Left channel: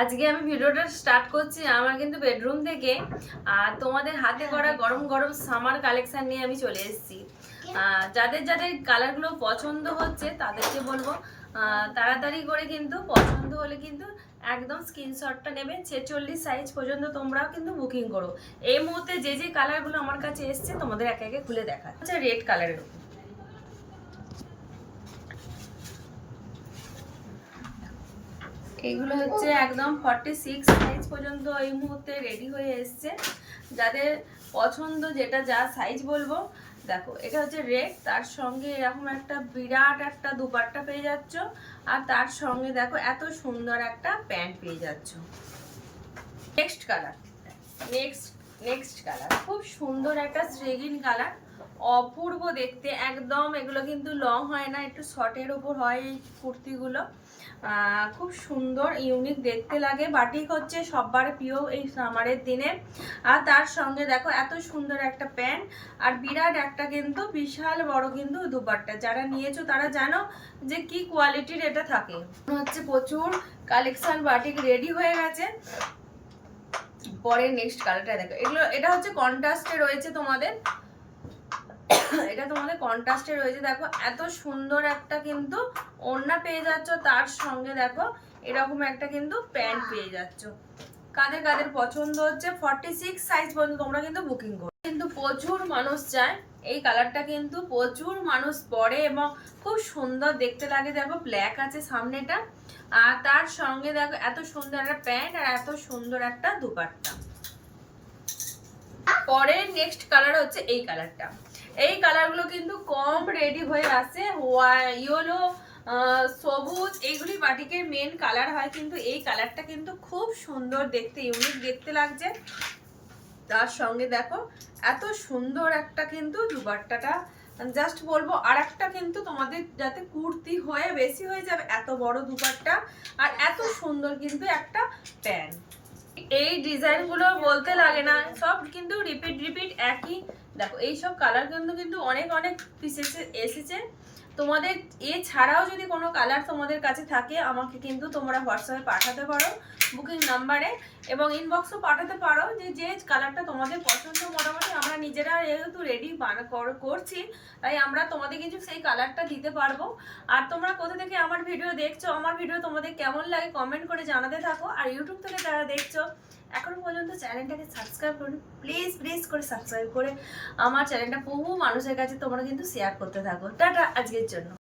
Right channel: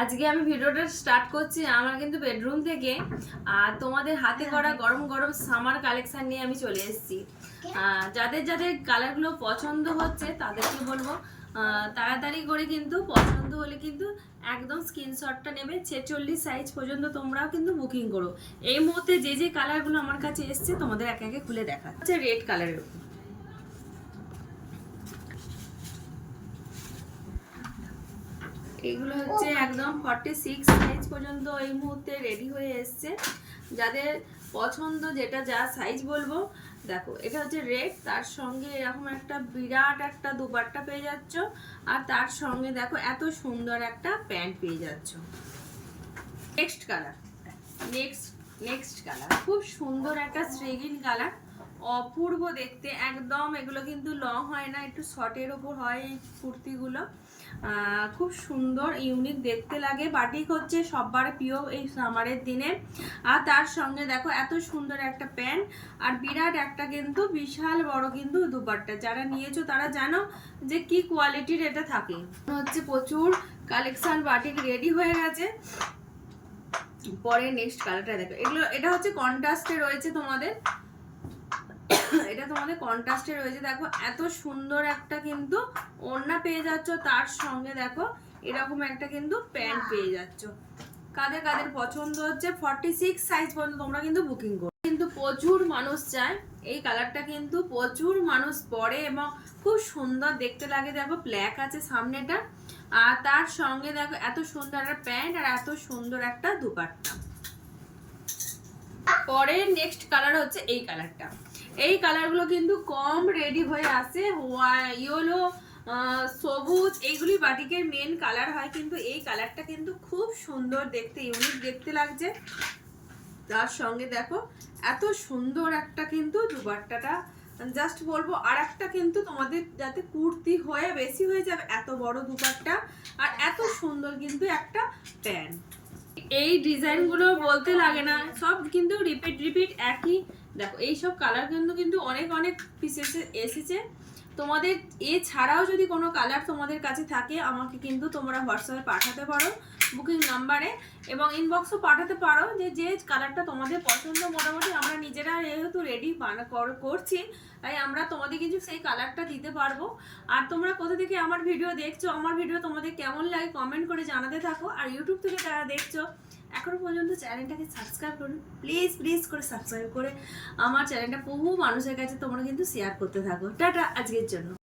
আজকে আমি ভিডিওটা স্টার্ট করছি আমার কিন্তু বেডরুম থেকে। আর তোমাদের হাতে করা গরম গরম সামার কালেকশন নিয়ে আমি চলে এসেছি। যাদের যাদের কালারগুলো পছন্দ হচ্ছে তাদেরকে বলবো তাড়াতাড়ি করে কিন্তু পছন্দ হলে কিন্তু একদম স্ক্রিনশটটা নেবে। 46 সাইজ পর্যন্ত তোমরাও কিন্তু বুকিং করো। এই মুহূর্তে যে যে কালারগুলো আমার কাছে এসছে তোমাদের একে একে খুলে দেখা হচ্ছে। রেড কালারের উপর এইগুলো হচ্ছে একদম 46 সাইজ পর্যন্ত এই মুহূর্তে রেডি হয়ে এসছে। যাদের পছন্দ যেটা যা সাইজ বলবো, দেখো এটা হচ্ছে রেড, তার সঙ্গে এরকম একটা বিরাট একটা দুপাট্টা পেয়ে যাচ্ছ। আর তার সঙ্গে দেখো এত সুন্দর একটা প্যান্ট পেয়ে যাচ্ছ। নেক্সট কালার, নেক্সট কালার খুব সুন্দর একটা শ্রেগিন কালার, অপূর্ব দেখতে একদম। এগুলো কিন্তু লং হয় না, একটু শর্টের ওপর হয় এই কুর্তিগুলো। খুব সুন্দর ইউনিক দেখতে লাগে। বাটিক হচ্ছে সবার প্রিয় এই সামারের দিনে। আর তার সঙ্গে দেখো এত সুন্দর একটা প্যান্ট আর বিরাট একটা কিন্তু বিশাল বড় কিন্তু দুপাট্টা। যারা নিয়েছো তারা জানো যে কি কোয়ালিটির এটা থাকে। হচ্ছে প্রচুর কালেকশন বাটিক রেডি হয়ে গেছে। পরে নেক্সট কালারটা দেখো, এটা হচ্ছে কন্ট্রাস্টে রয়েছে তোমাদের, এটা তোমাদের কন্ট্রাস্টে রয়েছে। দেখো এত সুন্দর একটা কিন্তু ওড়না পেয়ে যাচ্ছ, তার সঙ্গে দেখো এরকম একটা কিন্তু প্যান্ট পেয়ে যাচ্ছ। কাদের কাদের পছন্দ হচ্ছে 46 সাইজ পর্যন্ত তোমরা কিন্তু বুকিং করো। কিন্তু প্রচুর মানুষ চায় এই কালারটা, কিন্তু প্রচুর মানুষ পরে এবং খুব সুন্দর দেখতে লাগে। দেখো ব্ল্যাক আছে সামনেটা, আর তার সঙ্গে দেখো এত সুন্দর একটা প্যান্ট আর এত সুন্দর একটা দুপাট্টা। পরের নেক্সট কালার হচ্ছে এই কালারটা। এই কালারগুলো কিন্তু কম রেডি হয়ে আসে। ইয়েলো, সবুজ, এগুলি বাটিকের মেন কালার হয়, কিন্তু এই কালারটা কিন্তু খুব সুন্দর দেখতে, ইউনিক দেখতে লাগছে। তার সঙ্গে দেখো এত সুন্দর একটা কিন্তু দুপাট্টাটা, জাস্ট বলবো আর একটা কিন্তু তোমাদের যাতে কুর্তি হয়ে বেশি হয়ে যাবে এত বড় দুপাট্টা আর এত সুন্দর কিন্তু একটা প্যান্ট। এই ডিজাইনগুলো বলতে লাগে না, সব কিন্তু রিপিট একই। দেখো এইসব কালার কিন্তু অনেক অনেক পিস এসেছে তোমাদের। এছাড়াও যদি কোনো কালার তোমাদের কাছে থাকে আমাকে কিন্তু তোমরা হোয়াটসঅ্যাপে পাঠাতে পারো বুকিং নাম্বারে, এবং ইনবক্সও পাঠাতে পারো যে কালারটা তোমাদের পছন্দ। মোটামুটি আমরা নিজেরা যেহেতু রেডি করছি, তাই আমরা তোমাদের কিছু সেই কালারটা দিতে পারবো। আর তোমরা কোথা থেকে আমার ভিডিও দেখছো, আমার ভিডিও তোমাদের কেমন লাগে কমেন্ট করে জানাতে থাকো। আর ইউটিউব থেকে যারা দেখছো এখনো পর্যন্ত চ্যানেলটাকে সাবস্ক্রাইব করুন, প্লিজ করে সাবস্ক্রাইব করে আমার চ্যানেলটা বহু মানুষের কাছে তোমরা কিন্তু শেয়ার করতে থাকো। টাটা আজকের জন্য।